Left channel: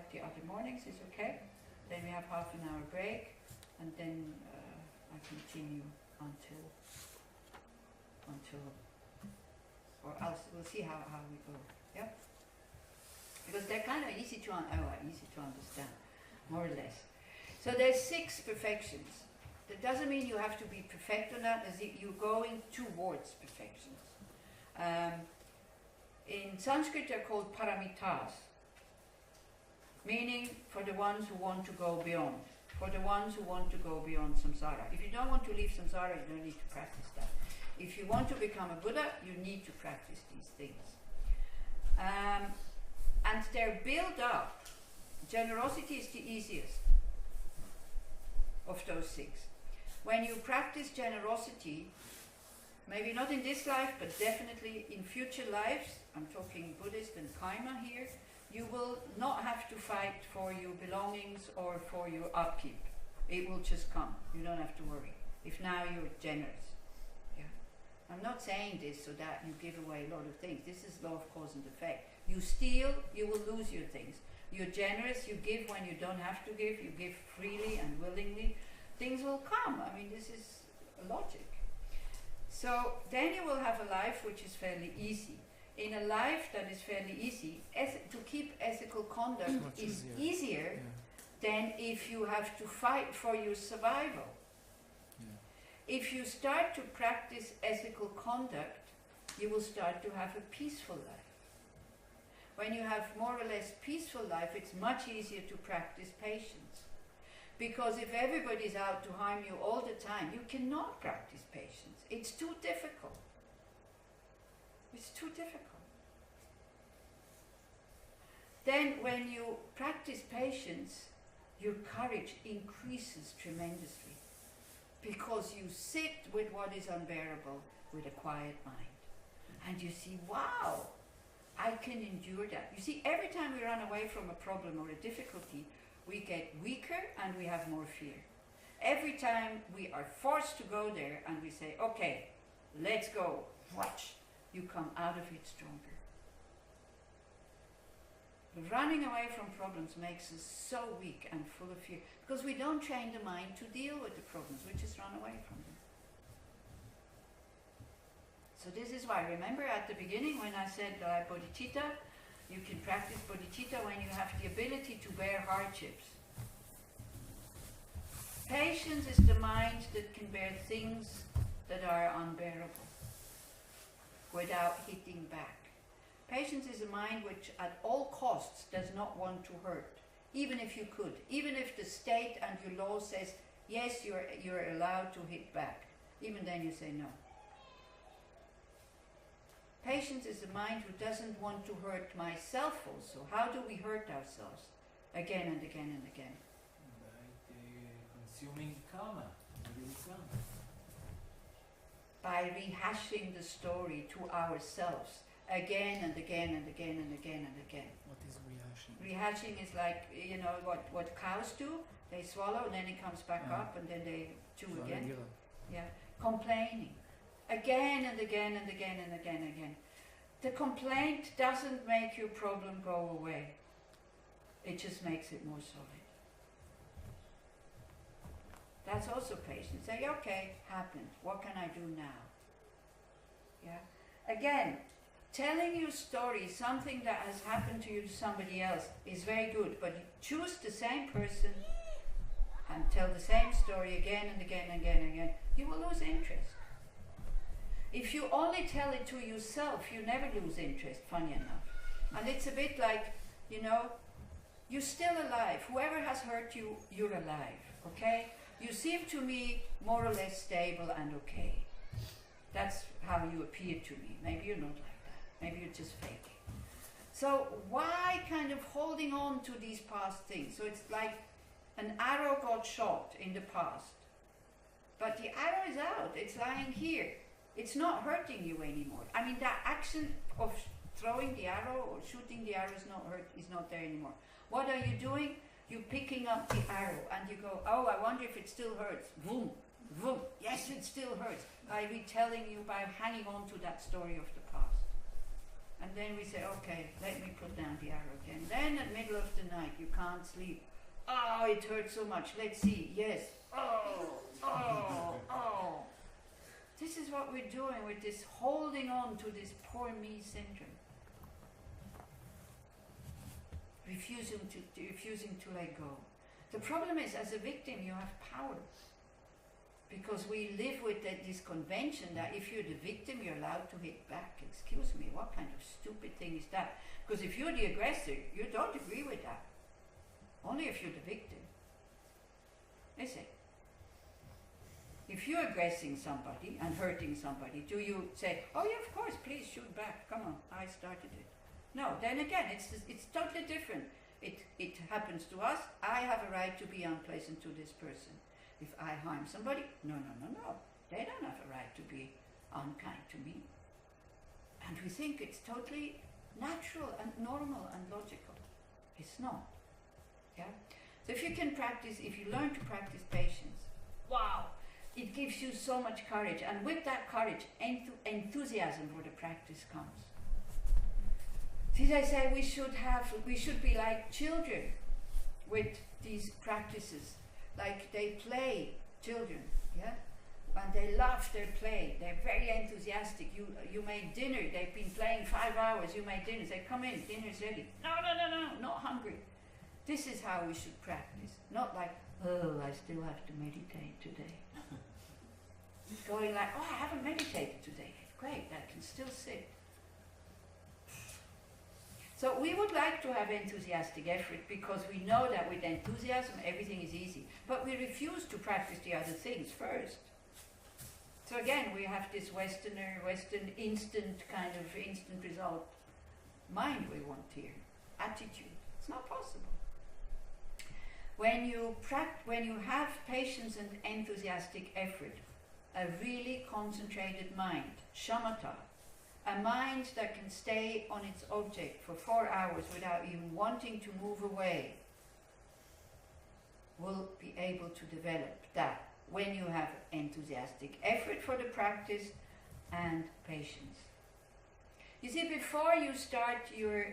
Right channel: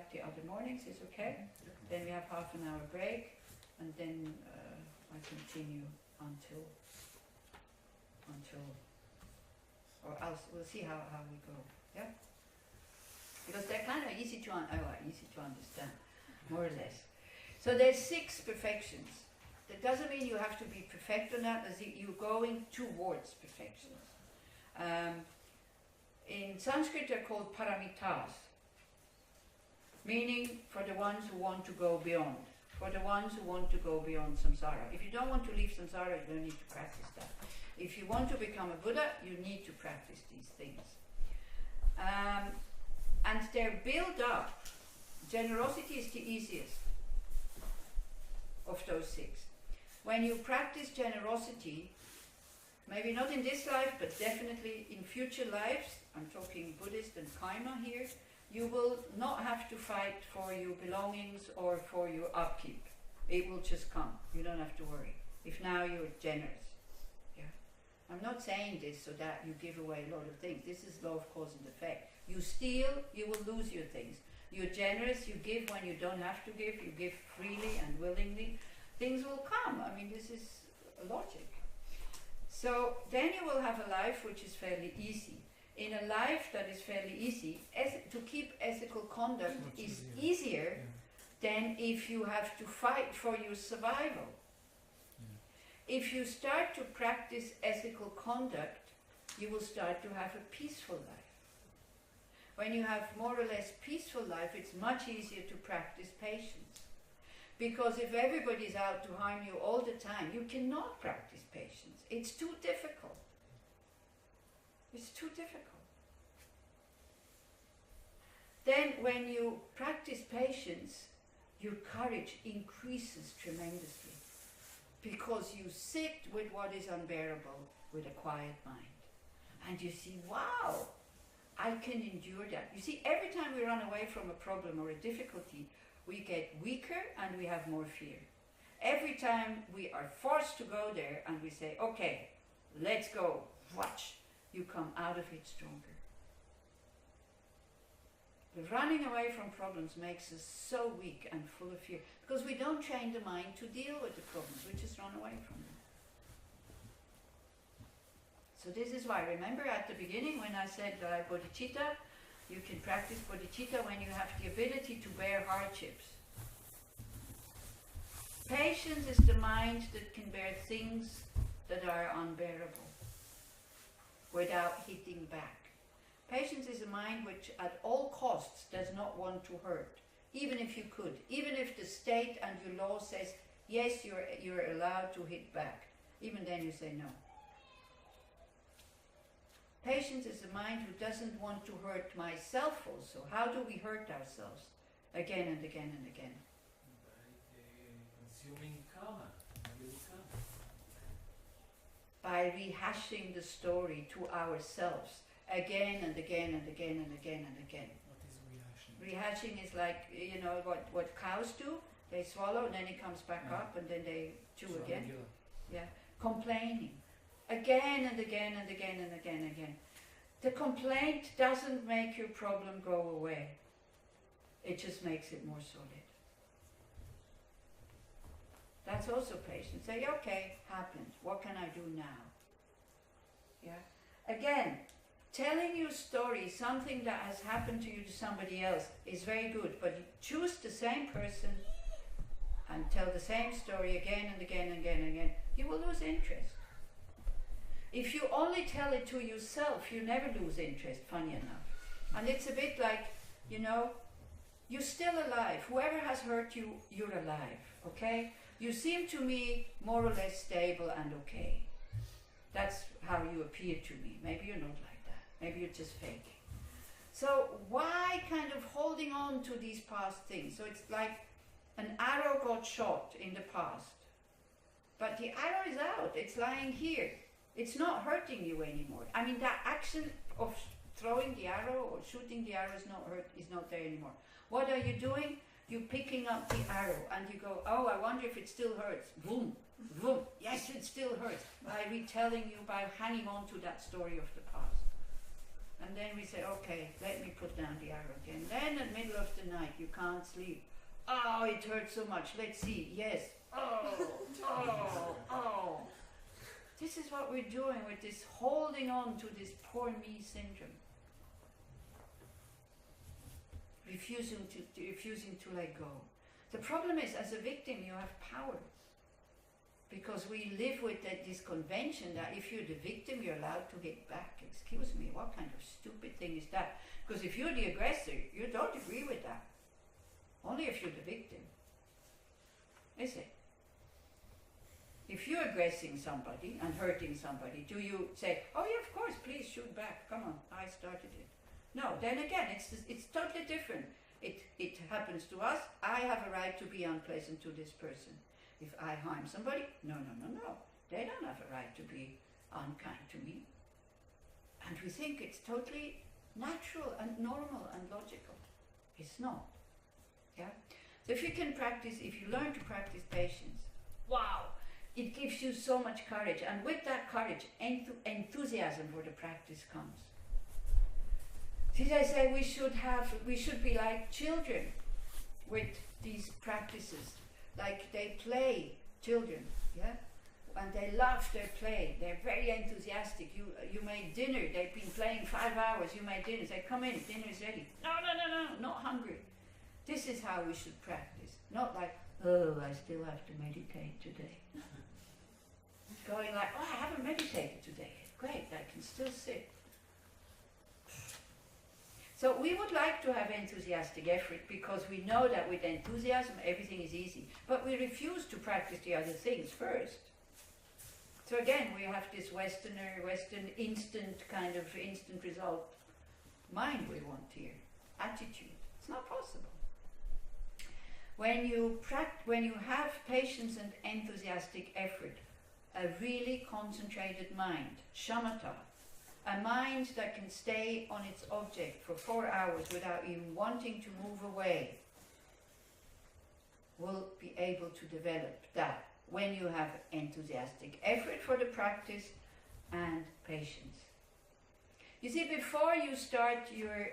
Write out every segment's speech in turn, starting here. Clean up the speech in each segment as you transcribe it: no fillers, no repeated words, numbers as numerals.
like the other mornings, is okay. Then we have half an hour break, and then I continue until, or else we'll see how we go. Yeah, because they're kind of easy to understand, more or less. So there's 6 perfections. That doesn't mean you have to be perfect on that, as you're going towards perfections. In Sanskrit they're called paramitas, meaning for the ones who want to go beyond, for the ones who want to go beyond samsara. If you don't want to leave samsara, you don't need to practice that. If you want to become a Buddha, you need to practice these things. And they're built up. Generosity is the easiest of those 6. When you practice generosity, maybe not in this life, but definitely in future lives, I'm talking Buddhist and Kaima here, you will not have to fight for your belongings or for your upkeep. It will just come. You don't have to worry. If now you're generous. Yeah. I'm not saying this so that you give away a lot of things. This is law of cause and effect. You steal, you will lose your things. You're generous, you give when you don't have to give, you give freely and willingly. Things will come. I mean, this is logic. So then you will have a life which is fairly easy. In a life that is fairly easy, to keep ethical conduct is easier than if you have to fight for your survival. Yeah. If you start to practice ethical conduct, you will start to have a peaceful life. When you have more or less peaceful life, it's much easier to practice patience. Because if everybody's out to harm you all the time, you cannot practice patience. It's too difficult. It's too difficult. Then when you practice patience, your courage increases tremendously. Because you sit with what is unbearable with a quiet mind. And you see, wow, I can endure that. You see, every time we run away from a problem or a difficulty, we get weaker and we have more fear. Every time we are forced to go there and we say, okay, let's go, watch, you come out of it stronger. The running away from problems makes us so weak and full of fear because we don't train the mind to deal with the problems, we just run away from them. So this is why, remember at the beginning when I said bodhicitta, you can practice bodhicitta when you have the ability to bear hardships. Patience is the mind that can bear things that are unbearable without hitting back. Patience is a mind which at all costs does not want to hurt, even if you could, even if the state and your law says, yes, you're allowed to hit back. Even then you say no. Patience is a mind who doesn't want to hurt myself also. How do we hurt ourselves? Again and again and again. By consuming karma. By rehashing the story to ourselves again and again and again and again and again. What is rehashing? Rehashing is like, you know, what cows do. They swallow and then it comes back up and then they chew again. Regular. Yeah. Complaining. Again and again and again and again and again. The complaint doesn't make your problem go away. It just makes it more solid. That's also patience. Say, okay, happened. What can I do now? Yeah. Again, telling your story, something that has happened to you to somebody else, is very good. But you choose the same person and tell the same story again and again and again and again, you will lose interest. If you only tell it to yourself, you never lose interest, funny enough. And it's a bit like, you know, you're still alive. Whoever has hurt you, you're alive, okay? You seem to me more or less stable and okay. That's how you appear to me. Maybe you're not like that. Maybe you're just faking. So why kind of holding on to these past things? So it's like an arrow got shot in the past. But the arrow is out. It's lying here. It's not hurting you anymore. I mean, that action of throwing the arrow or shooting the arrow is not there anymore. What are you doing? You're picking up the arrow and you go, oh, I wonder if it still hurts. Boom, boom. Yes, it still hurts. By retelling you, by hanging on to that story of the past. And then we say, okay, let me put down the arrow again. Then at middle of the night, you can't sleep. Oh, it hurts so much. Let's see. Yes. Oh. This is what we're doing with this holding on to this poor me syndrome. Refusing to let go. The problem is, as a victim, you have power. Because we live with this convention that if you're the victim, you're allowed to hit back. Excuse me, what kind of stupid thing is that? Because if you're the aggressor, you don't agree with that. Only if you're the victim. Is it? If you're aggressing somebody and hurting somebody, do you say, oh yeah, of course, please shoot back, come on, I started it. No, then again, it's totally different. It happens to us, I have a right to be unpleasant to this person. If I harm somebody, no. They don't have a right to be unkind to me. And we think it's totally natural and normal and logical. It's not. Yeah? So if you can practice, if you learn to practice patience, wow, it gives you so much courage. And with that courage, enthusiasm for the practice comes. Did I say we should be like children with these practices? Like they play, children, yeah? And they love their play. They're very enthusiastic. You made dinner. They've been playing 5 hours. You made dinner. Say, come in, dinner's ready. No, not hungry. This is how we should practice. Not like, oh, I still have to meditate today. Going like, oh, I haven't meditated today. Great, I can still sit. So we would like to have enthusiastic effort because we know that with enthusiasm everything is easy. But we refuse to practice the other things first. So again, we have this Western instant result mind we want here, attitude. It's not possible. When you have patience and enthusiastic effort, a really concentrated mind, shamatha, a mind that can stay on its object for 4 hours without even wanting to move away, will be able to develop that when you have enthusiastic effort for the practice and patience. You see, before you start your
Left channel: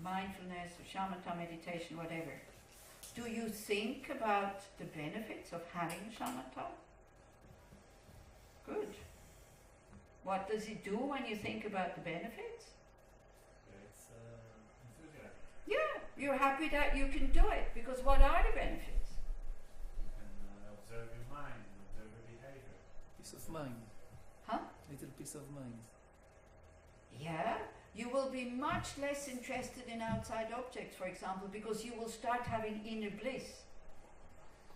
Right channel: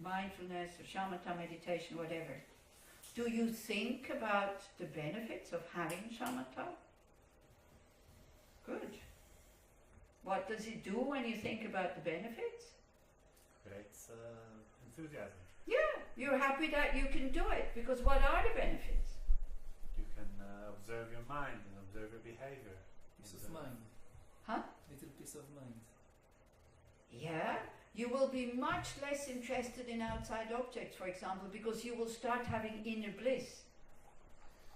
mindfulness or shamatha meditation, whatever, do you think about the benefits of having shamatha? Good. What does it do when you think about the benefits? Creates enthusiasm. Yeah, you're happy that you can do it, because what are the benefits? You can observe your mind and observe your behavior. Peace of mind. Huh? Little peace of mind. Yeah, you will be much less interested in outside objects, for example, because you will start having inner bliss.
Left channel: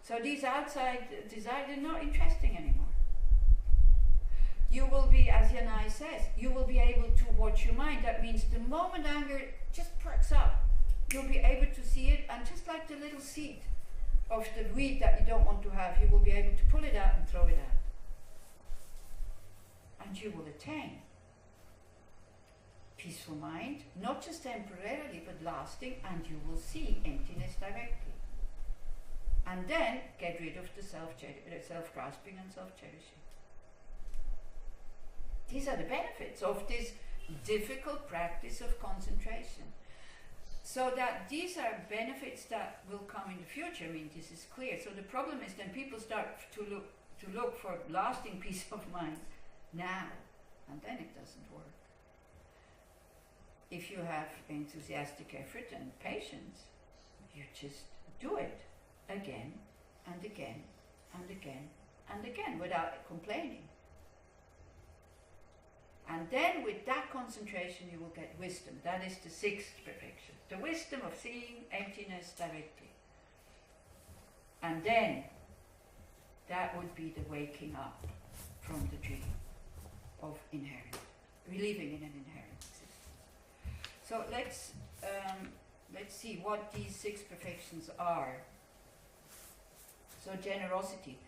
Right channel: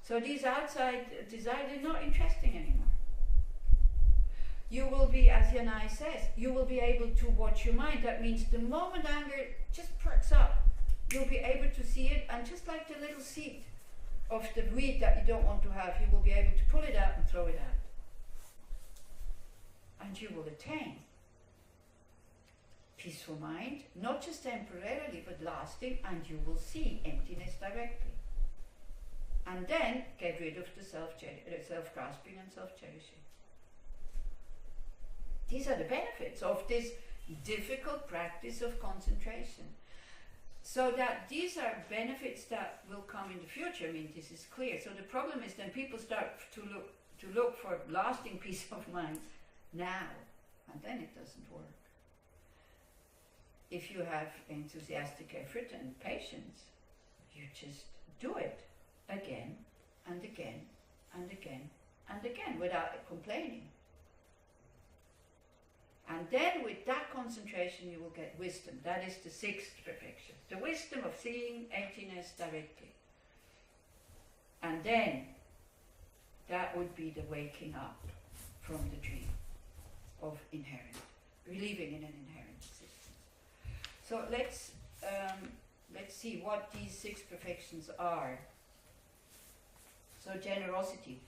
So these outside desires are not interesting anymore. You will be, as Yanai says, you will be able to watch your mind. That means the moment anger just perks up, you'll be able to see it, and just like the little seed of the weed that you don't want to have, you will be able to pull it out and throw it out. And you will attain peaceful mind, not just temporarily, but lasting, and you will see emptiness directly. And then get rid of the self-grasping and self-cherishing. These are the benefits of this difficult practice of concentration. So that these are benefits that will come in the future. I mean, this is clear. So the problem is then people start to look for lasting peace of mind now, and then it doesn't work. If you have enthusiastic effort and patience, you just do it again and again and again and again without complaining. And then with that concentration you will get wisdom. That is the 6th perfection. The wisdom of seeing emptiness directly. And then that would be the waking up from the dream of inherent, believing in an inherent existence. So let's see what these 6 perfections are. So generosity.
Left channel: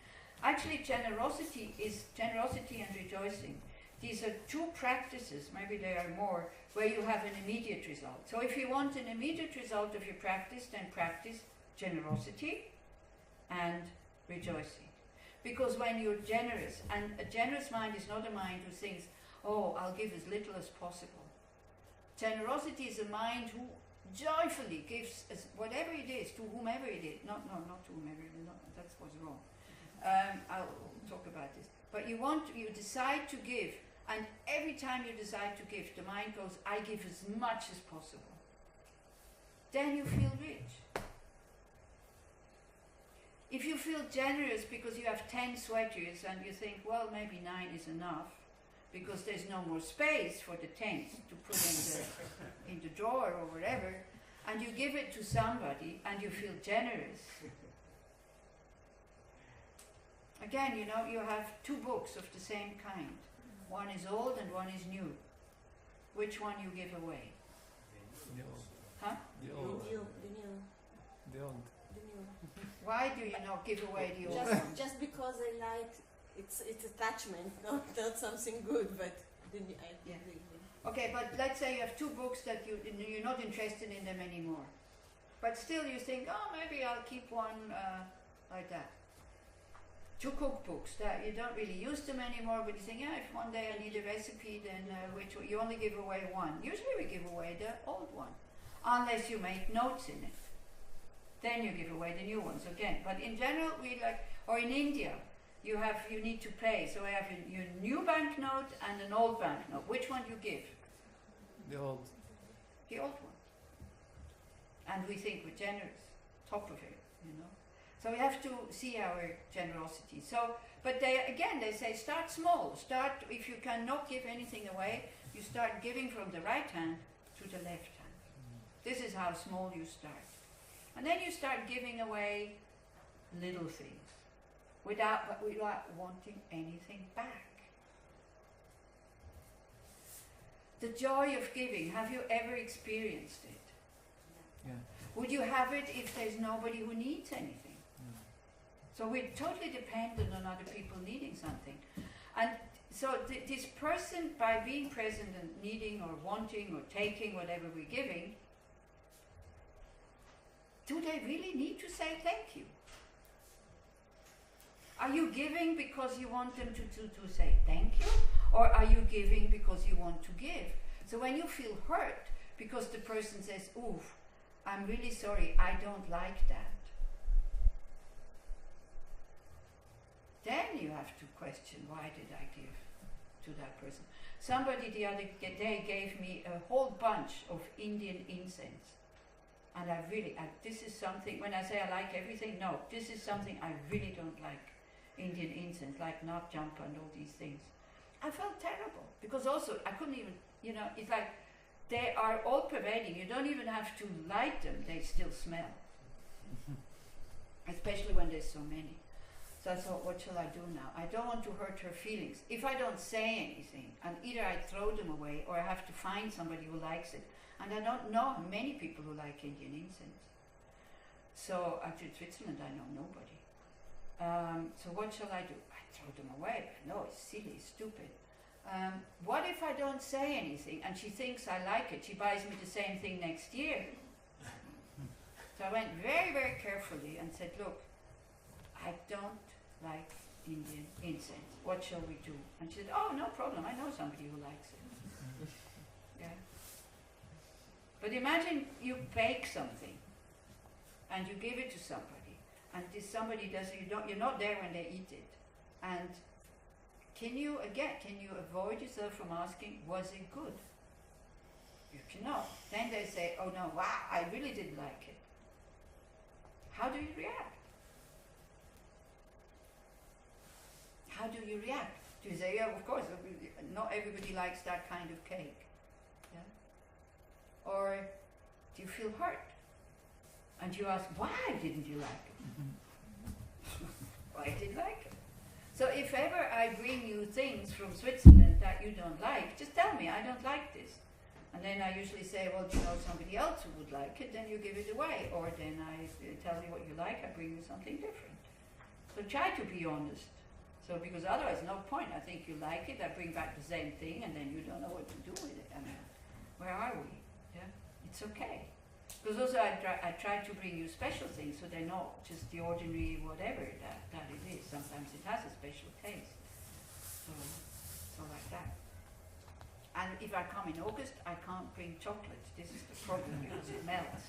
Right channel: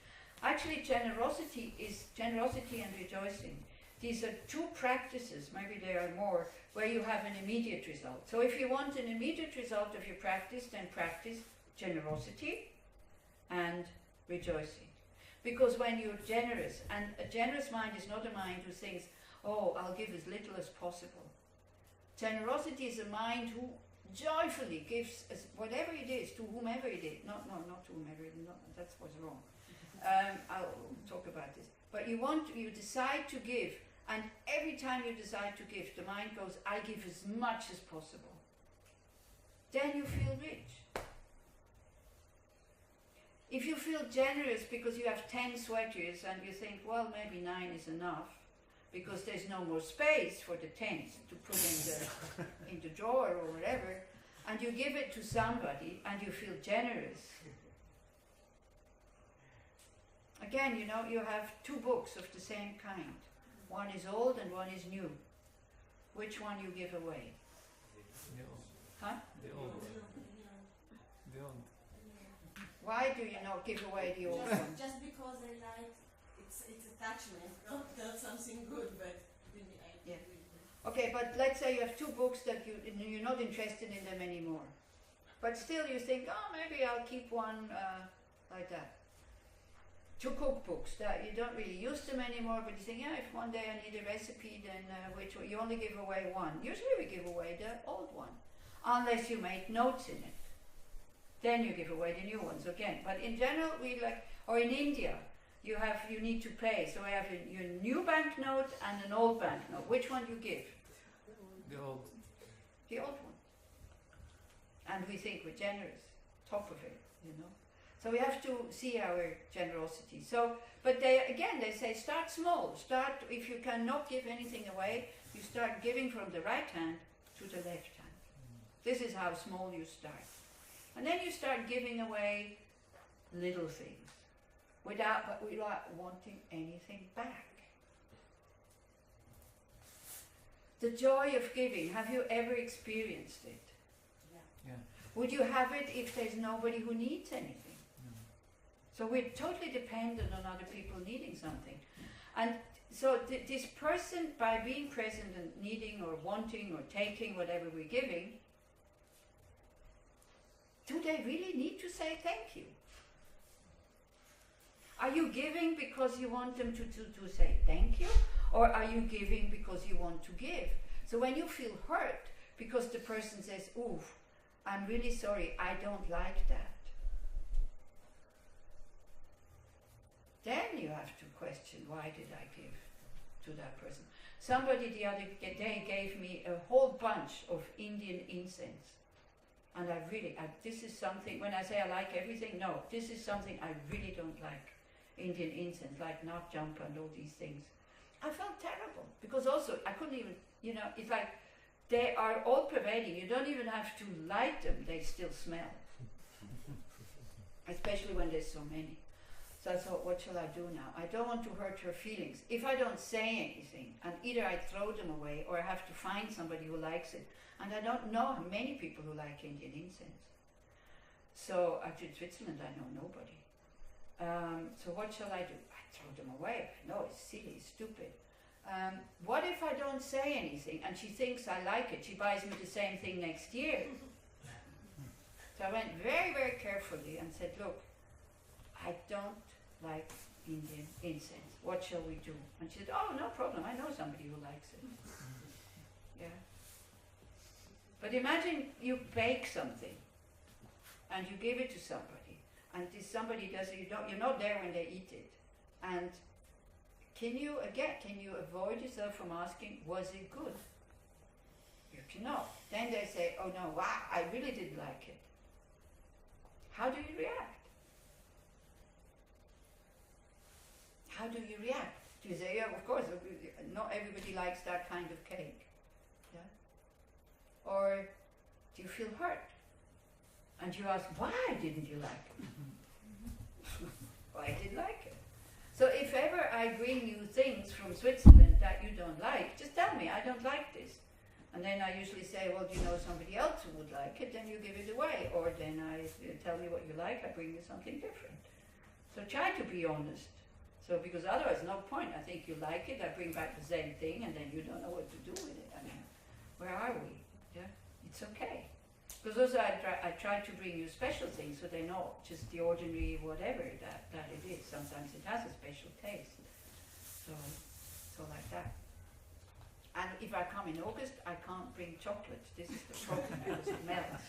Actually generosity and rejoicing. These are 2 practices, maybe there are more, where you have an immediate result. So if you want an immediate result of your practice, then practice generosity and rejoicing. Because when you're generous, and a generous mind is not a mind who thinks, oh, I'll give as little as possible. Generosity is a mind who joyfully gives as whatever it is to whomever it is. Not to whomever it is. That's what's wrong. I'll talk about this. But you decide to give, and every time you decide to give, the mind goes, I give as much as possible. Then you feel rich. If you feel generous because you have 10 sweaters and you think, well, maybe 9 is enough, because there's no more space for the 10th to put in the drawer or whatever, and you give it to somebody and you feel generous. Again, you know, you have 2 books of the same kind. One is old and one is new. Which one you give away? The old. Huh? The old. The old. Why do you not give away the old one? Just because I like it's attachment, not something good, but Yeah. Okay, but let's say you have 2 books that you're not interested in them anymore. But still you think, oh, maybe I'll keep one like that. 2 cookbooks that you don't really use them anymore, but you think, yeah, if one day I need a recipe, then which one? You only give away one. Usually we give away the old one, unless you make notes in it. Then you give away the new ones again. But in general, we like, or in India, you need to pay. So I have your new banknote and an old banknote. Which one do you give? The old. The old one. And we think we're generous, top of it, you know. So we have to see our generosity. So, but they say start small. Start, if you cannot give anything away, you start giving from the right hand to the left hand. This is how small you start. And then you start giving away little things without wanting anything back. The joy of giving, have you ever experienced it? Yeah. Would you have it if there's nobody who needs anything? No. So we're totally dependent on other people needing something. And so this person, by being present and needing or wanting or taking whatever we're giving, do they really need to say thank you? Are you giving because you want them to say thank you? Or are you giving because you want to give? So when you feel hurt because the person says, oof, I'm really sorry, I don't like that, then you have to question, why did I give to that person? Somebody the other day gave me a whole bunch of Indian incense. And this is something, when I say I like everything, no, this is something I really don't like. Indian incense, like nut jumper and all these things. I felt terrible, because also I couldn't even, it's like they are all pervading. You don't even have to light them, they still smell. Especially when there's so many. So I thought, what shall I do now? I don't want to hurt her feelings. If I don't say anything, and either I throw them away or I have to find somebody who likes it. And I don't know many people who like Indian incense. So actually in Switzerland I know nobody. So what shall I do? I throw them away. No, it's silly, stupid. What if I don't say anything and she thinks I like it? She buys me the same thing next year. So I went very, very carefully and said, look, I don't like Indian incense. What shall we do? And she said, oh, no problem. I know somebody who likes it. Yeah. But imagine you bake something and you give it to somebody, and this somebody does it, you're not there when they eat it. And can you avoid yourself from asking, was it good? You cannot. Then they say, oh no, wow, I really didn't like it. How do you react? How do you react? Do you say, yeah, of course, not everybody likes that kind of cake. Yeah? Or do you feel hurt? And you ask, why didn't you like it? Why I didn't like it? So if ever I bring you things from Switzerland that you don't like, just tell me, I don't like this. And then I usually say, well, do you know somebody else who would like it? Then you give it away. Or then I tell you what you like, I bring you something different. So try to be honest. So because otherwise, no point. I think you like it, I bring back the same thing, and then you don't know what to do with it. I mean, where are we? Yeah, it's okay. Because also I try to bring you special things, so they're not just the ordinary whatever that it is. Sometimes it has a special taste. So like that. And if I come in August, I can't bring chocolate. This is the problem because it melts.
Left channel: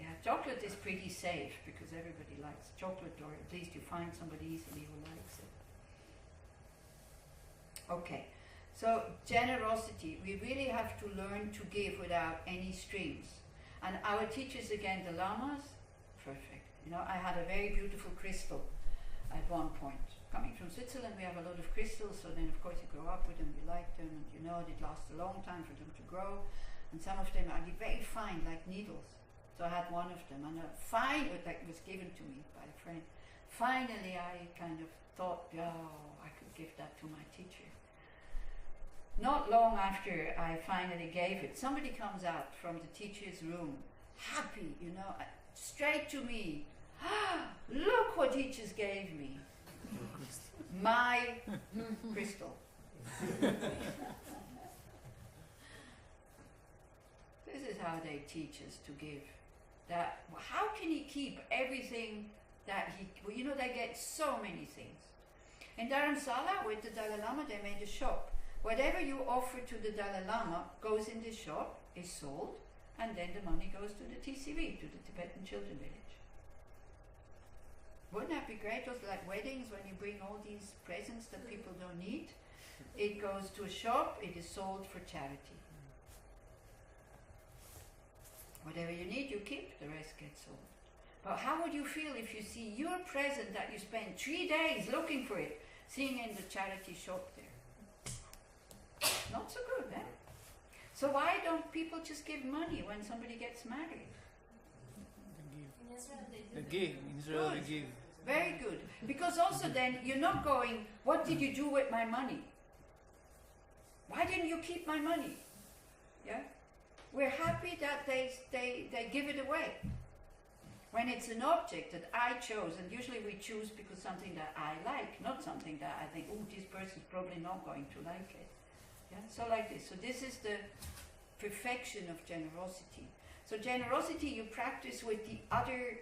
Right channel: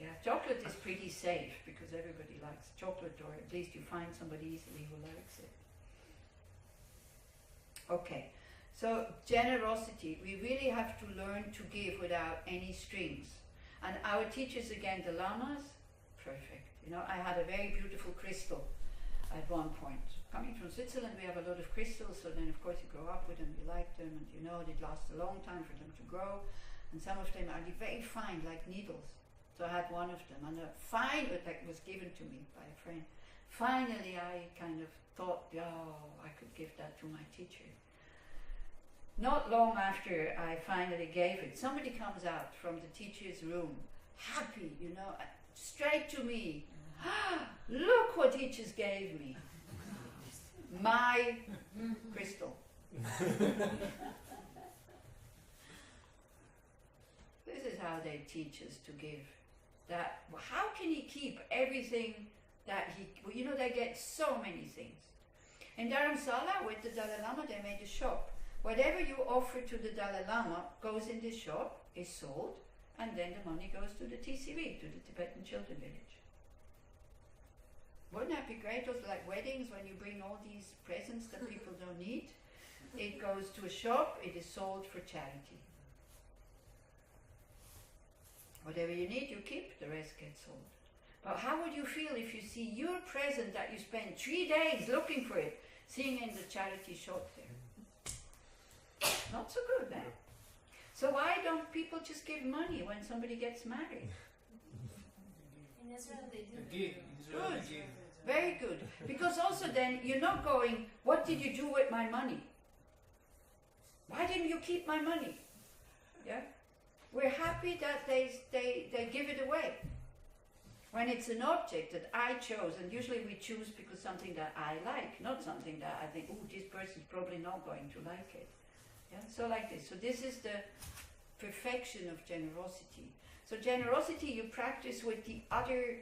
Yeah, chocolate is pretty safe because everybody likes chocolate, or at least you find somebody easily who likes it. Okay, so generosity. We really have to learn to give without any strings. And our teachers, again, the lamas, perfect. You know, I had a very beautiful crystal at one point. Coming from Switzerland, we have a lot of crystals, so then of course you grow up with them, you like them, and you know it lasts a long time for them to grow. And some of them are very fine, like needles. So I had one of them, and that was given to me by a friend. Finally, I kind of thought, oh, I could give that to my teacher. Not long after I finally gave it, somebody comes out from the teacher's room, happy, you know, straight to me. Look what he just gave me. My crystal. This is how they teach us to give. That how can he keep everything that he, well, you know, they get so many things. In Dharamsala with the Dalai Lama, they made a shop. Whatever you offer to the Dalai Lama goes in this shop, is sold, and then the money goes to the TCV, to the Tibetan Children Village. Wouldn't that be great? Also like weddings, when you bring all these presents that people don't need, it goes to a shop, it is sold for charity. Whatever you need, you keep, the rest gets sold. But how would you feel if you see your present that you spent 3 days looking for it, seeing in the charity shop there? Not so good, eh? So why don't people just give money when somebody gets married? In Israel they do. They give. In Israel Good. they give. Very good. Because also then you're not going, what did you do with my money? Why didn't you keep my money? Yeah? We're happy that they give it away. When it's an object that I chose, and usually we choose because something that I like, not something that I think, oh, this person's probably not going to like it. Yeah? So like this. So this is the perfection of generosity. So generosity you practice with the other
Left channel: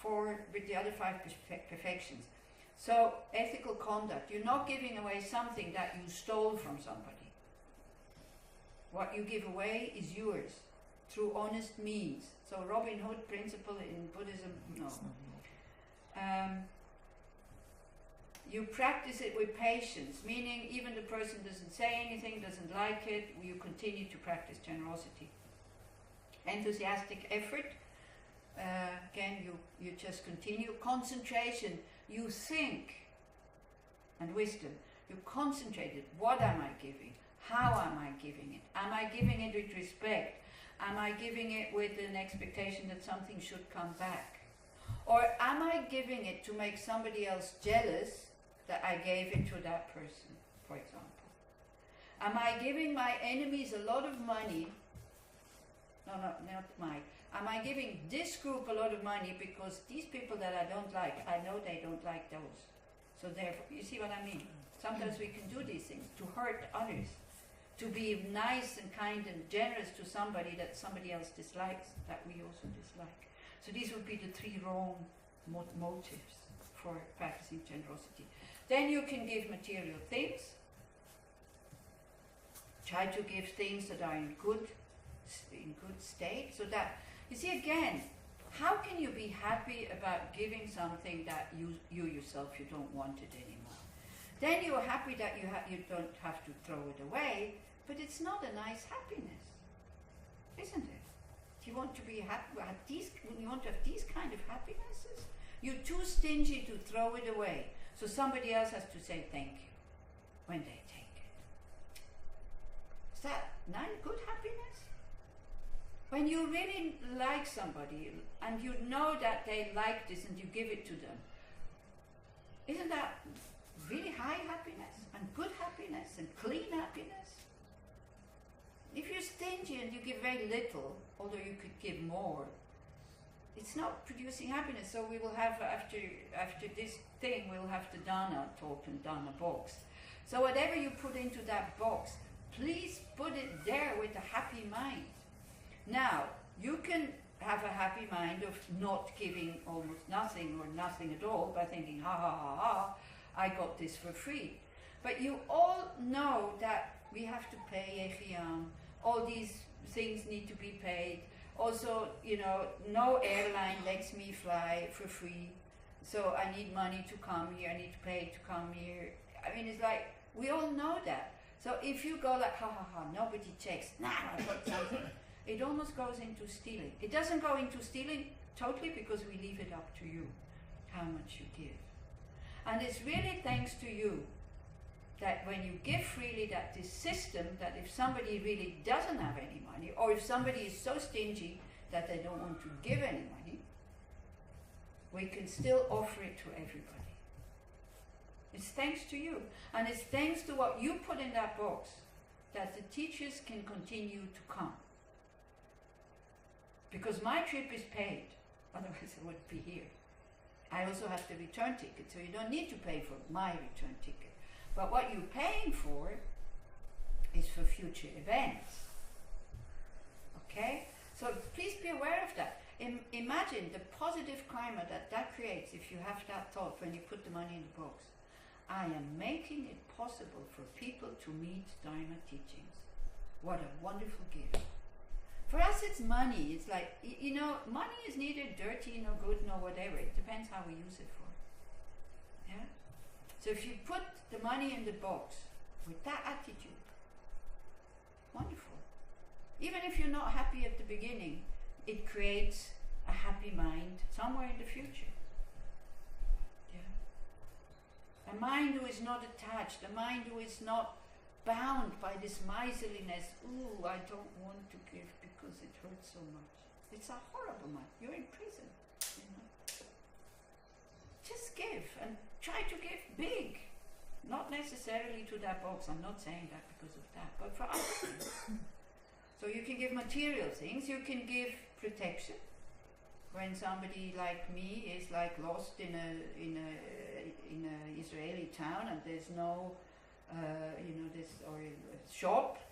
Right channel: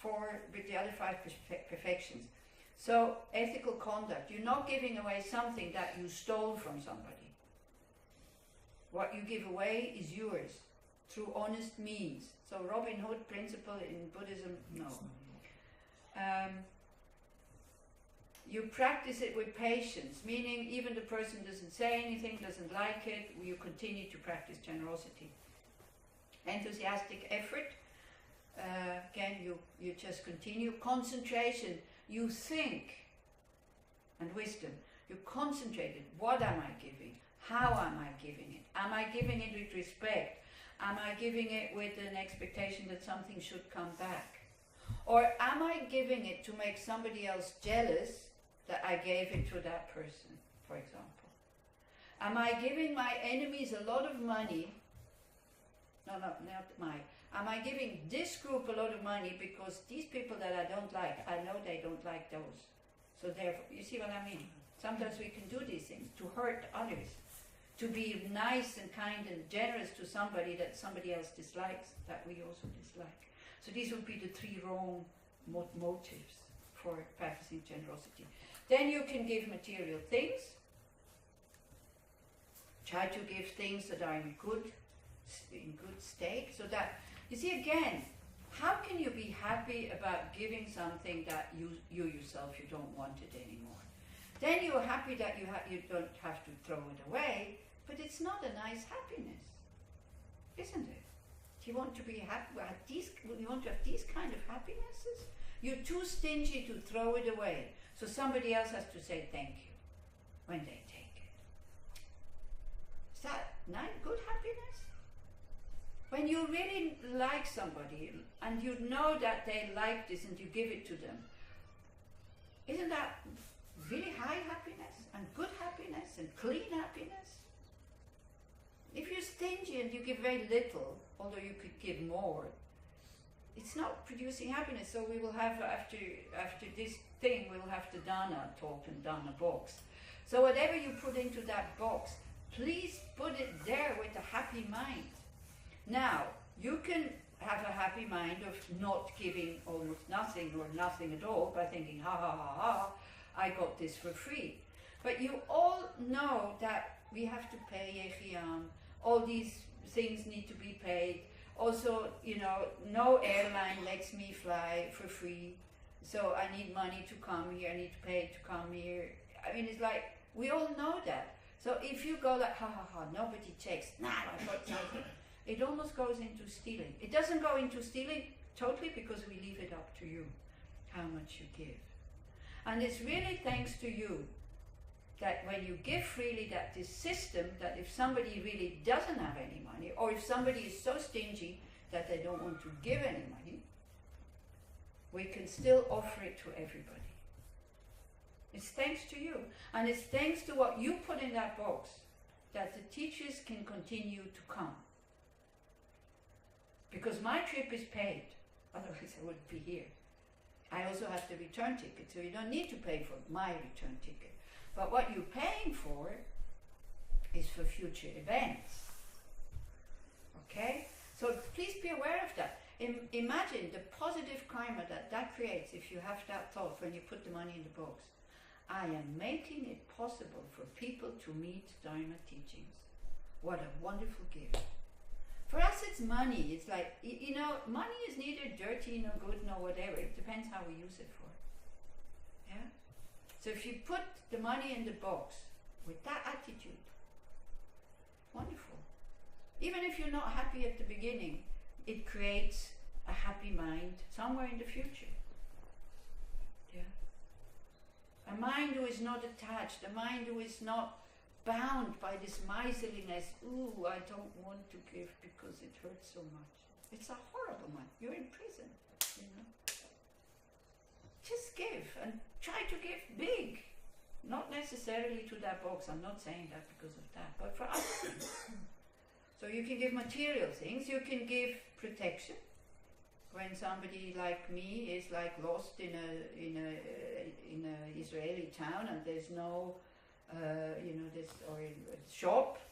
five perfections. So ethical conduct, you're not giving away something that you stole from somebody. What you give away is yours through honest means. So Robin Hood principle in Buddhism, no. You practice it with patience, meaning even the person doesn't say anything, doesn't like it, you continue to practice generosity. Enthusiastic effort, again you just continue. Concentration, you think, and wisdom, you concentrated, what am I giving? How am I giving it? Am I giving it with respect? Am I giving it with an expectation that something should come back? Or am I giving it to make somebody else jealous that I gave it to that person, for example? Am I giving my enemies a lot of money? No, not my. Am I giving this group a lot of money because these people that I don't like, I know they don't like those. So therefore, you see what I mean? Sometimes we can do these things to hurt others. To be nice and kind and generous to somebody that somebody else dislikes, that we also dislike. So these would be the three wrong motives for practicing generosity. Then you can give material things. Try to give things that are in good state. So that, you see again, how can you be happy about giving something that you yourself, you don't want it anymore? Then you're happy that you don't have to throw it away, but it's not a nice happiness, isn't it? Do you want to be happy? You want to have these kind of happinesses? You're too stingy to throw it away, so somebody else has to say thank you when they take it. Is that not good happiness? When you really like somebody and you know that they like this and you give it to them, isn't that really high happiness and good happiness and clean happiness? If you're stingy and you give very little, although you could give more, it's not producing happiness. So we will have, after this thing, we'll have the Dana talk and Dana box. So whatever you put into that box, please put it there with a happy mind. Now, you can have a happy mind of not giving almost nothing or nothing at all by thinking, ha ha ha ha, I got this for free. But you all know that we have to pay Yechiam, all these things need to be paid. Also, you know, no airline lets me fly for free, so I need money to come here, I need to pay to come here. I mean, it's like, we all know that. So if you go like, ha ha ha, nobody checks, now I got something, it almost goes into stealing. It doesn't go into stealing totally because we leave it up to you, how much you give. And it's really thanks to you that when you give freely, that this system, that if somebody really doesn't have any money, or if somebody is so stingy that they don't want to give any money, we can still offer it to everybody. It's thanks to you. And it's thanks to what you put in that box that the teachers can continue to come. Because my trip is paid, otherwise I wouldn't be here. I also have the return ticket, so you don't need to pay for my return ticket. But what you're paying for is for future events. Okay? So please be aware of that. Imagine the positive karma that that creates if you have that thought when you put the money in the box. I am making it possible for people to meet Dharma teachings. What a wonderful gift. For us it's money. It's like, you know, money is neither dirty nor good nor whatever. It depends how we use it for. Yeah? So if you put the money in the box with that attitude, wonderful. Even if you're not happy at the beginning, it creates a happy mind somewhere in the future. Yeah. A mind who is not attached, a mind who is not bound by this miserliness. Ooh, I don't want to give because it hurts so much. It's a horrible mind. You're in prison, you know. Just give and try to give big. Not necessarily to that box. I'm not saying that because of that, but for other things. So you can give material things. You can give protection. When somebody like me is like lost in a Israeli town and there's no, or a shop,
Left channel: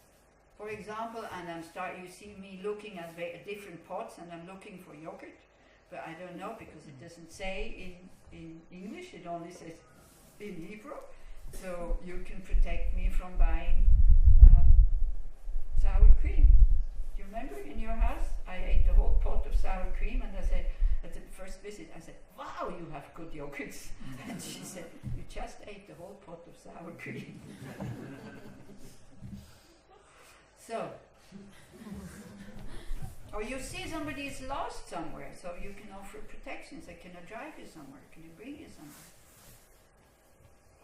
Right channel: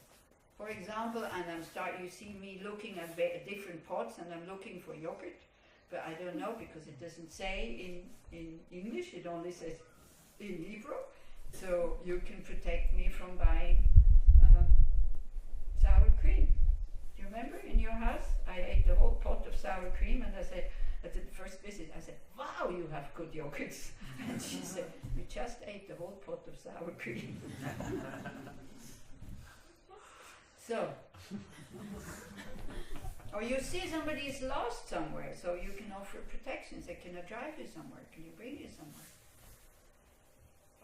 for example, and you see me looking at different pots and I'm looking for yogurt, but I don't know because it doesn't say in English, it only says in Hebrew. So you can protect me from buying sour cream. Do you remember in your house? I ate the whole pot of sour cream and I said, at the first visit, I said, wow, you have good yogurts. And she said, you just ate the whole pot of sour cream. So, or you see somebody is lost somewhere, so you can offer protection. Say, can I drive you somewhere? Can you bring you somewhere?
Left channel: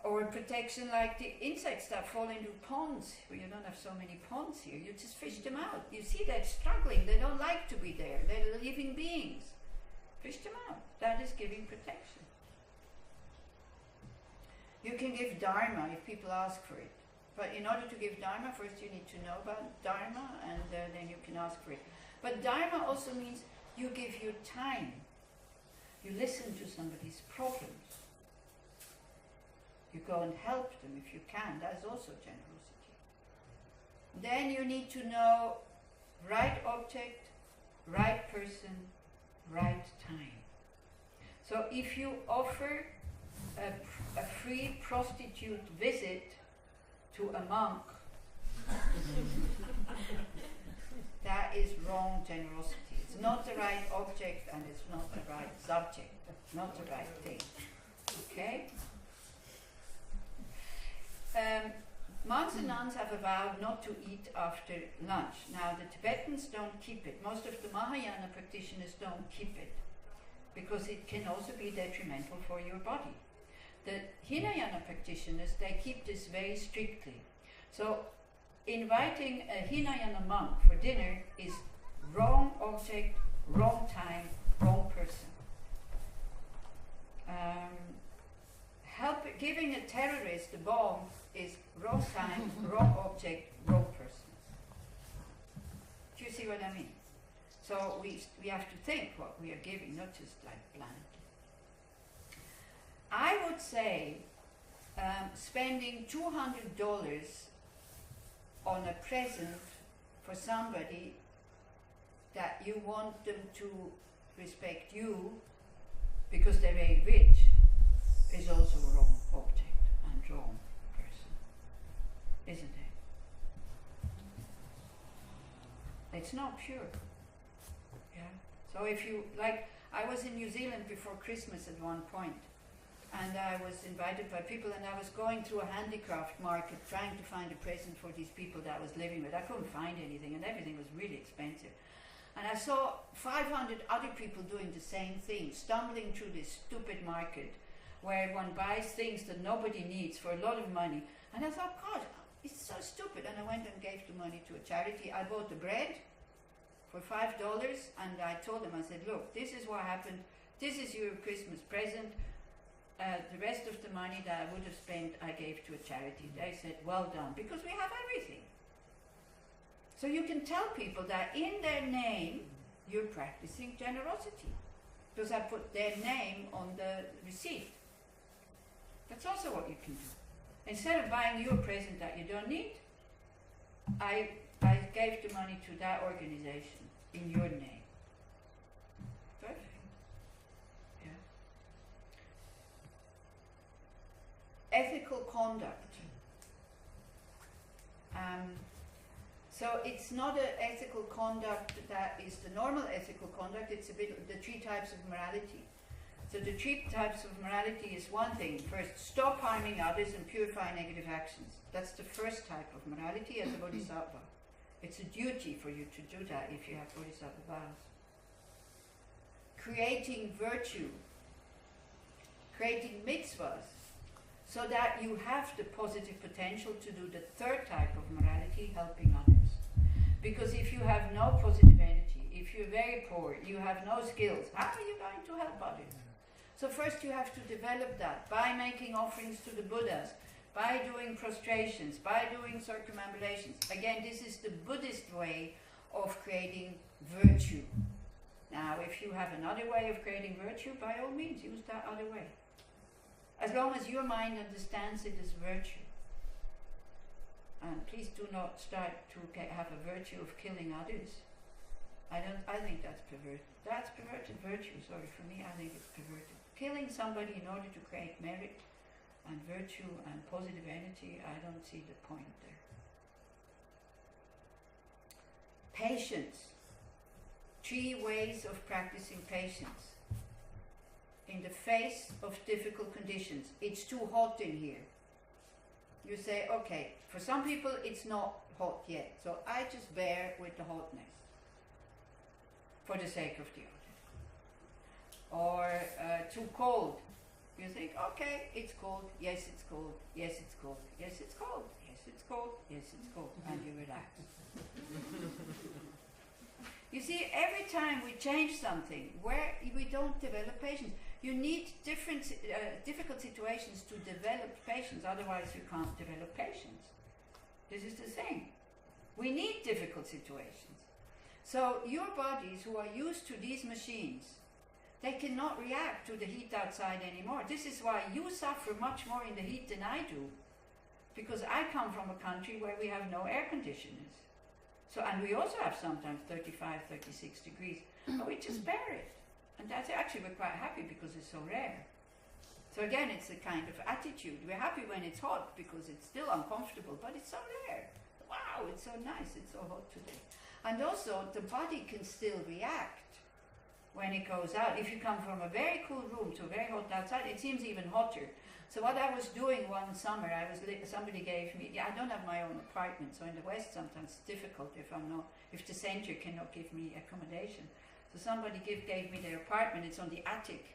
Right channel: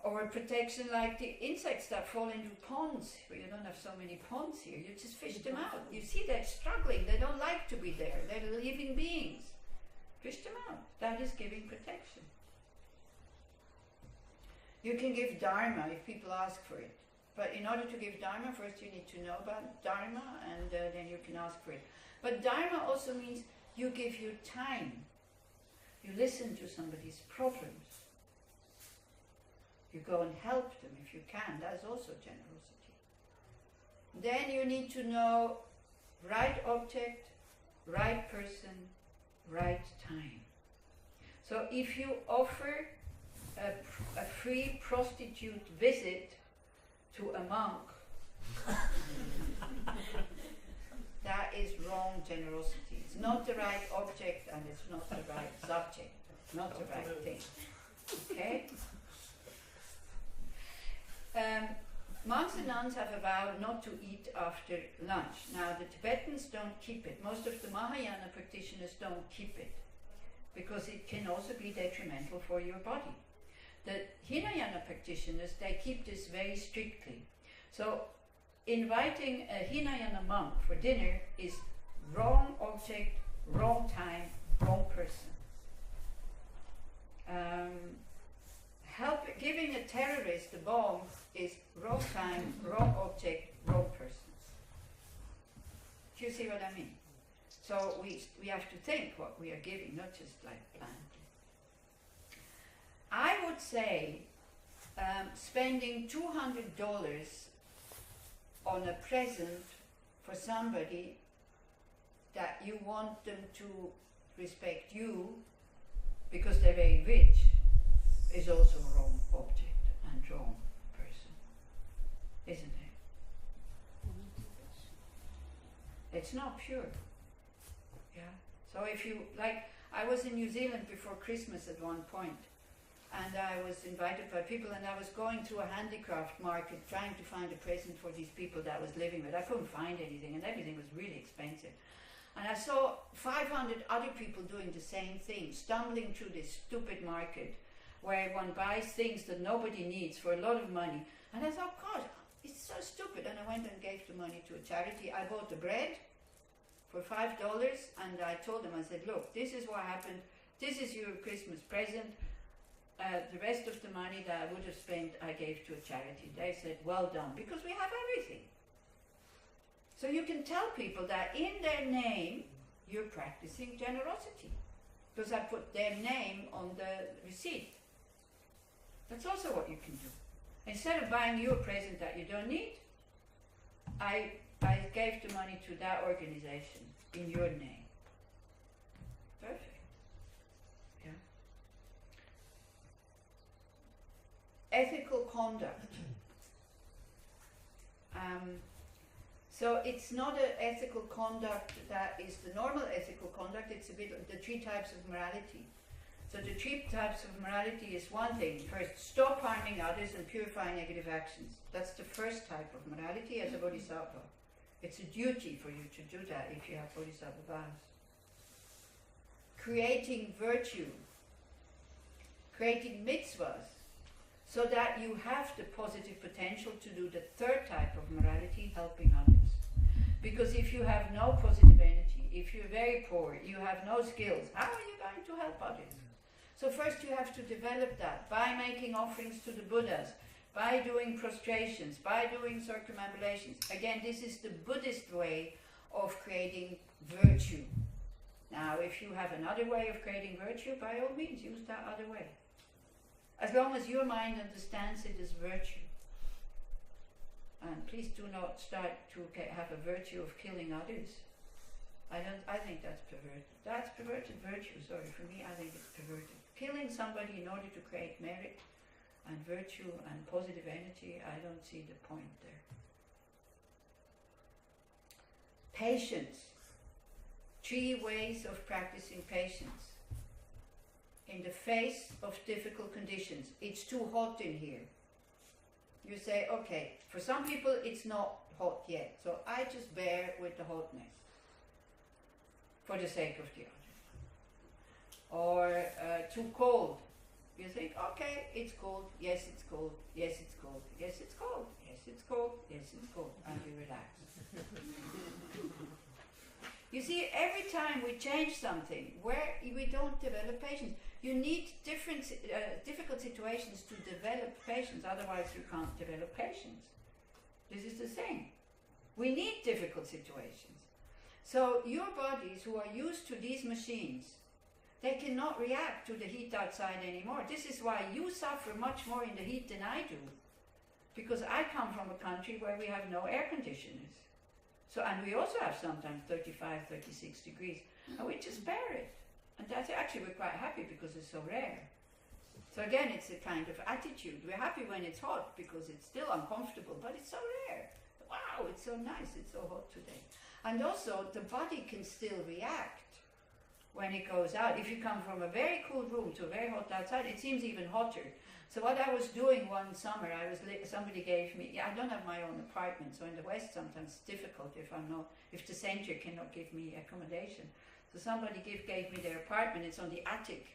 Or protection like the insects that fall into ponds, where you don't have so many ponds here. You just fish them out. You see they're struggling. They don't like to be there. They're living beings. Fish them out. That is giving protection. You can give Dharma if people ask for it. But in order to give Dharma, first you need to know about Dharma and then you can ask for it. But Dharma also means you give your time. You listen to somebody's problems. You go and help them if you can. That is also generosity. Then you need to know right object, right person, right time. So if you offer a free prostitute visit to a monk, that is wrong generosity. It's not the right object and it's not the right subject, not the right thing. Okay? Monks and nuns have a vow not to eat after lunch. Now the Tibetans don't keep it. Most of the Mahayana practitioners don't keep it because it can also be detrimental for your body. The Hinayana practitioners, they keep this very strictly. So inviting a Hinayana monk for dinner is wrong object, wrong time, wrong person. Giving a terrorist a bomb is wrong time, wrong object, wrong person. Do you see what I mean? So we have to think what we are giving, not just like blindly. I would say spending $200 on a present for somebody that you want them to respect you because they're very rich is also a wrong object and wrong person, isn't it? It's not pure. Yeah. So if you, like, I was in New Zealand before Christmas at one point, and I was invited by people, and I was going through a handicraft market trying to find a present for these people that I was living with. I couldn't find anything, and everything was really expensive. And I saw 500 other people doing the same thing, stumbling through this stupid market where one buys things that nobody needs for a lot of money. And I thought, God, it's so stupid. And I went and gave the money to a charity. I bought the bread for $5, and I told them, I said, look, this is what happened. This is your Christmas present. The rest of the money that I would have spent, I gave to a charity. They said, well done, because we have everything. So you can tell people that in their name, you're practicing generosity. Because I put their name on the receipt. That's also what you can do. Instead of buying you a present that you don't need, I gave the money to that organization in your name. Perfect. Yeah. Ethical conduct. So it's not an ethical conduct that is the normal ethical conduct, it's a bit the 3 types of morality. So the 3 types of morality is one thing. First, stop harming others and purify negative actions. That's the first type of morality as a bodhisattva. It's a duty for you to do that if you have bodhisattva vows. Creating virtue, creating mitzvahs, so that you have the positive potential to do the 3rd type of morality, helping others. Because if you have no positive energy, if you're very poor, you have no skills, how are you going to help others? So first you have to develop that by making offerings to the Buddhas, by doing prostrations, by doing circumambulations. Again, this is the Buddhist way of creating virtue. Now, if you have another way of creating virtue, by all means, use that other way. As long as your mind understands it as virtue. And please do not start to have a virtue of killing others. I think that's perverted. That's perverted virtue, sorry. For me, I think it's perverted. Killing somebody in order to create merit and virtue and positive energy, I don't see the point there. Patience. 3 ways of practicing patience. In the face of difficult conditions. It's too hot in here. You say, okay, for some people it's not hot yet, so I just bear with the hotness for the sake of the other. Or too cold. You think, okay, it's cold, yes it's cold, yes it's cold, yes it's cold, yes it's cold, yes it's cold, and you relax. You see, every time we change something where we don't develop patience, you need difficult situations to develop patience, otherwise you can't develop patience. This is the thing. We need difficult situations. So your bodies who are used to these machines, they cannot react to the heat outside anymore. This is why you suffer much more in the heat than I do. Because I come from a country where we have no air conditioners. So, and we also have sometimes 35, 36 degrees. And we just bear it. And that's actually, we're quite happy because it's so rare. So again, it's a kind of attitude. We're happy when it's hot because it's still uncomfortable, but it's so rare. Wow, it's so nice, it's so hot today. And also, the body can still react when it goes out. If you come from a very cool room to a very hot outside, it seems even hotter. So what I was doing one summer, somebody gave me, I don't have my own apartment, so in the West sometimes it's difficult if the center cannot give me accommodation. So somebody gave me their apartment, it's on the attic.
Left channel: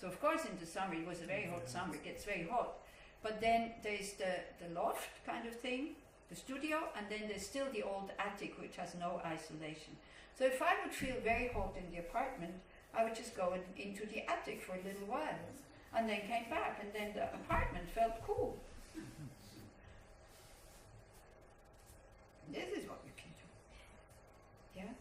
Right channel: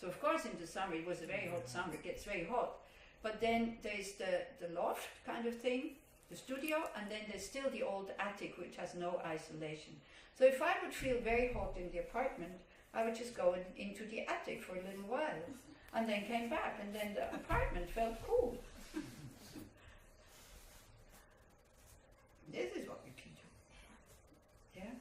So of course in the summer, it was a very hot summer, it gets very hot. But then there's the loft kind of thing, the studio, and then there's still the old attic which has no isolation. So if I would feel very hot in the apartment, I would just go into the attic for a little while and then came back, and then the apartment felt cool. This is what you can do. Yeah?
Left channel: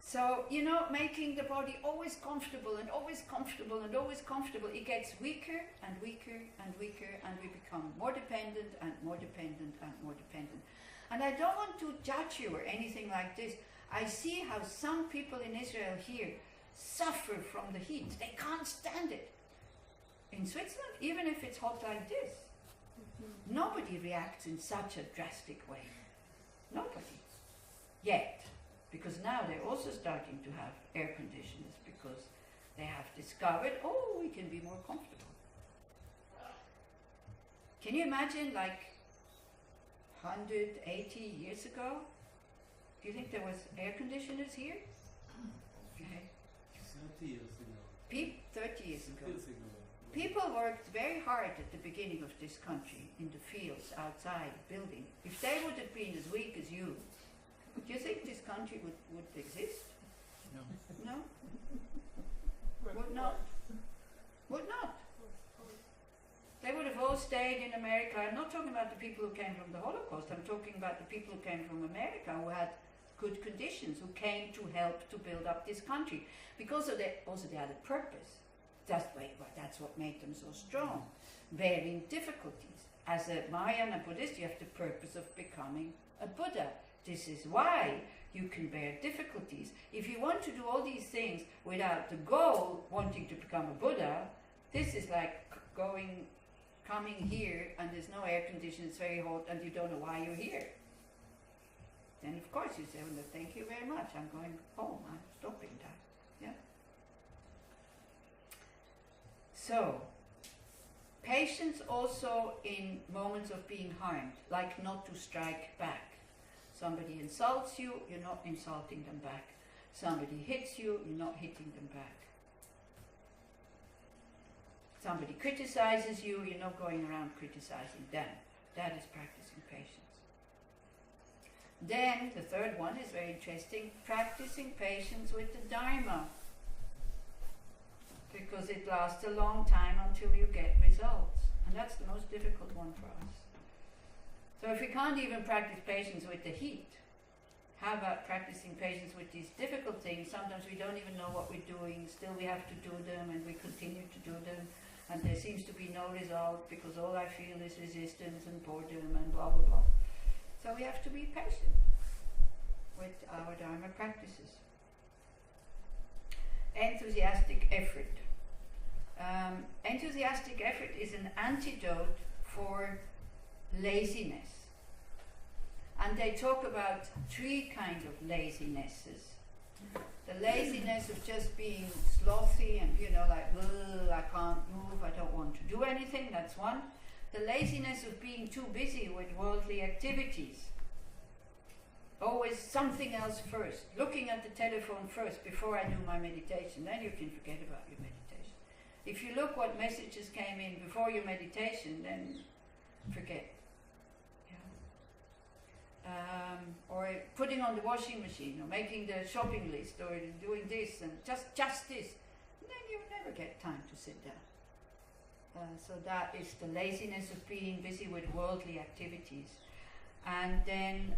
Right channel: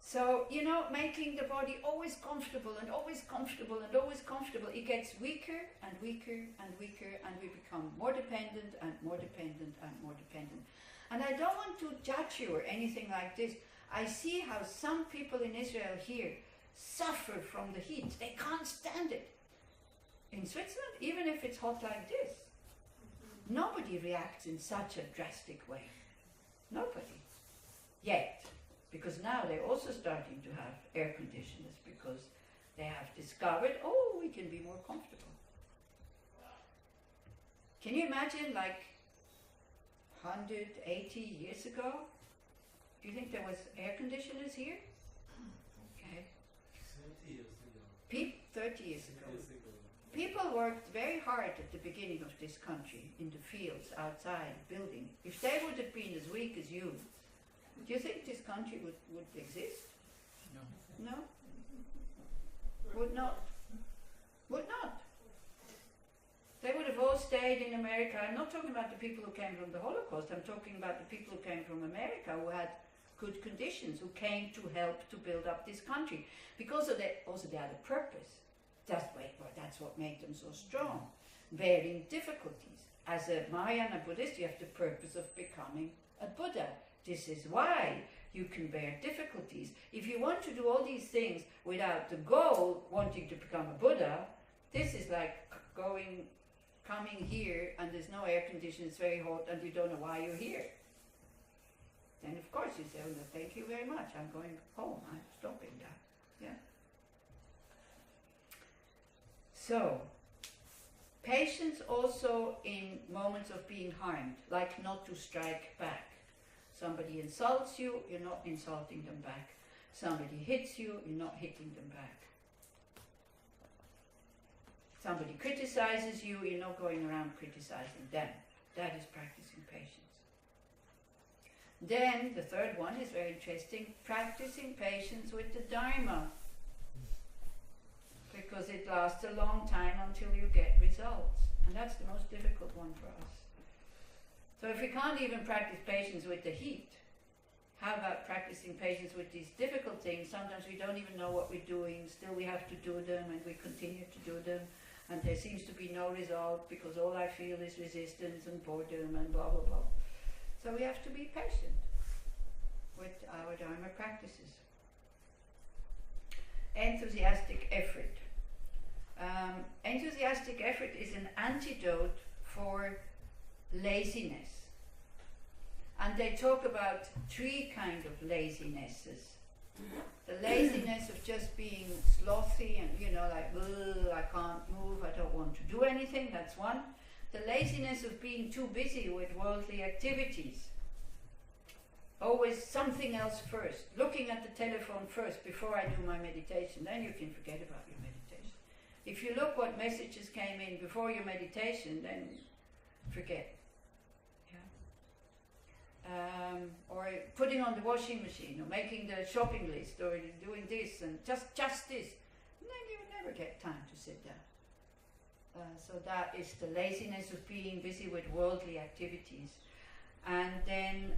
So, making the body always comfortable and always comfortable and always comfortable, it gets weaker and weaker and weaker, and we become more dependent and more dependent and more dependent. And I don't want to judge you or anything like this. I see how some people in Israel here suffer from the heat. They can't stand it. In Switzerland, even if it's hot like this, nobody reacts in such a drastic way. Nobody. yet, because now they're also starting to have air conditioners because they have discovered, oh, we can be more comfortable. Can you imagine, like 180 years ago? Do you think there was air conditioners here? Okay. 30 years ago. 30 years ago. Years ago. People worked very hard at the beginning of this country, in the fields, outside, building. If they would have been as weak as you, do you think this country would exist? No. No? Would not. Would not. They would have all stayed in America. I'm not talking about the people who came from the Holocaust. I'm talking about the people who came from America, who had good conditions, who came to help to build up this country. Because of also they had a purpose. That's what made them so strong. Bearing difficulties. As a Mahayana Buddhist, you have the purpose of becoming a Buddha. This is why you can bear difficulties. If you want to do all these things without the goal, wanting to become a Buddha, this is like coming here and there's no air conditioning, it's very hot and you don't know why you're here. Then of course you say, oh, no, thank you very much, I'm going home, I'm stopping that. Yeah. So, patience also in moments of being harmed, like not to strike back. Somebody insults you, you're not insulting them back. Somebody hits you, you're not hitting them back. Somebody criticizes you, you're not going around criticizing them. That is practicing patience. Then, the third one is very interesting, practicing patience with the Dharma. Because it lasts a long time until you get results. And that's the most difficult one for us. So if we can't even practice patience with the heat, how about practicing patience with these difficult things? Sometimes we don't even know what we're doing, still we have to do them and we continue to do them, and there seems to be no result because all I feel is resistance and boredom and blah blah blah. So we have to be patient with our Dharma practices. Enthusiastic effort. Enthusiastic effort is an antidote for laziness. And they talk about 3 kinds of lazinesses. The laziness of just being slothy and, like, I can't move, I don't want to do anything, that's one. The laziness of being too busy with worldly activities. Always something else first. Looking at the telephone first before I do my meditation, then you can forget about your meditation. If you look what messages came in before your meditation, then forget. Or putting on the washing machine, or making the shopping list, or doing this, and just this. And then you would never get time to sit down. So that is the laziness of being busy with worldly activities. And then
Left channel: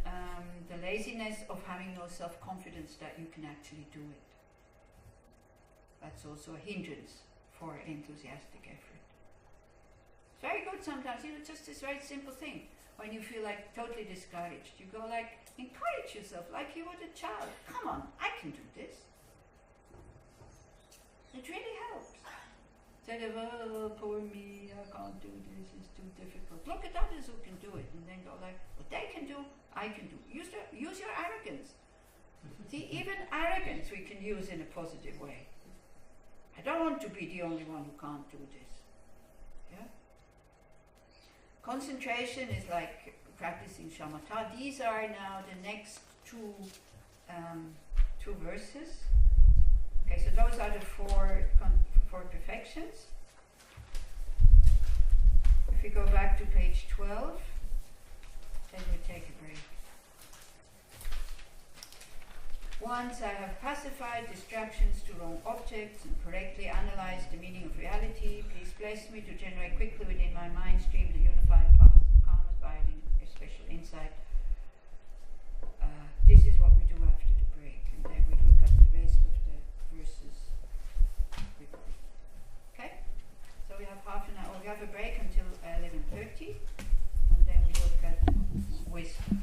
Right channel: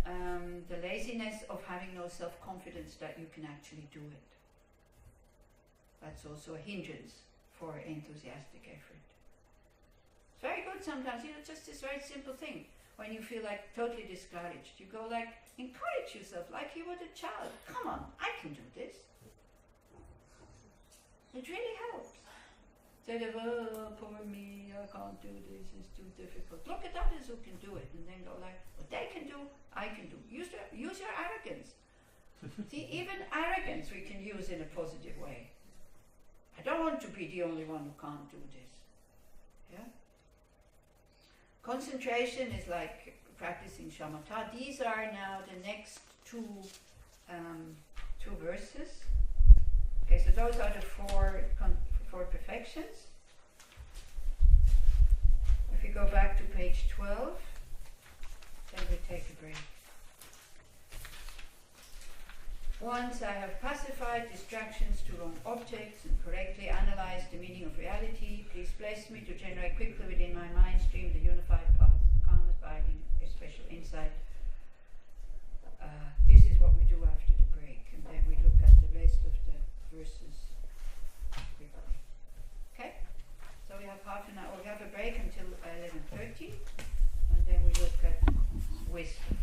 the laziness of having no self-confidence that you can actually do it. That's also a hindrance for enthusiastic effort. It's very good sometimes, just this very simple thing. When you feel like totally discouraged, you go like, encourage yourself like you would a child. Come on, I can do this. It really helps. Instead of, oh, poor me, I can't do this, it's too difficult. Look at others who can do it, and then go like, what they can do, I can do. Use your arrogance. See, even arrogance we can use in a positive way. I don't want to be the only one who can't do this. Yeah? Concentration is like practicing shamatha. These are now the next two verses. Okay, so those are the four perfections. If we go back to page 12, then we take a break. Once I have pacified distractions to wrong objects and correctly analyzed the meaning of reality, please bless me to generate quickly within my mind stream the unified path of calm abiding, a special insight. This is what we do after the break, and then we look at the rest of the verses quickly. Okay? So we have half an hour. We have a break until 11:30, and then we look at wisdom.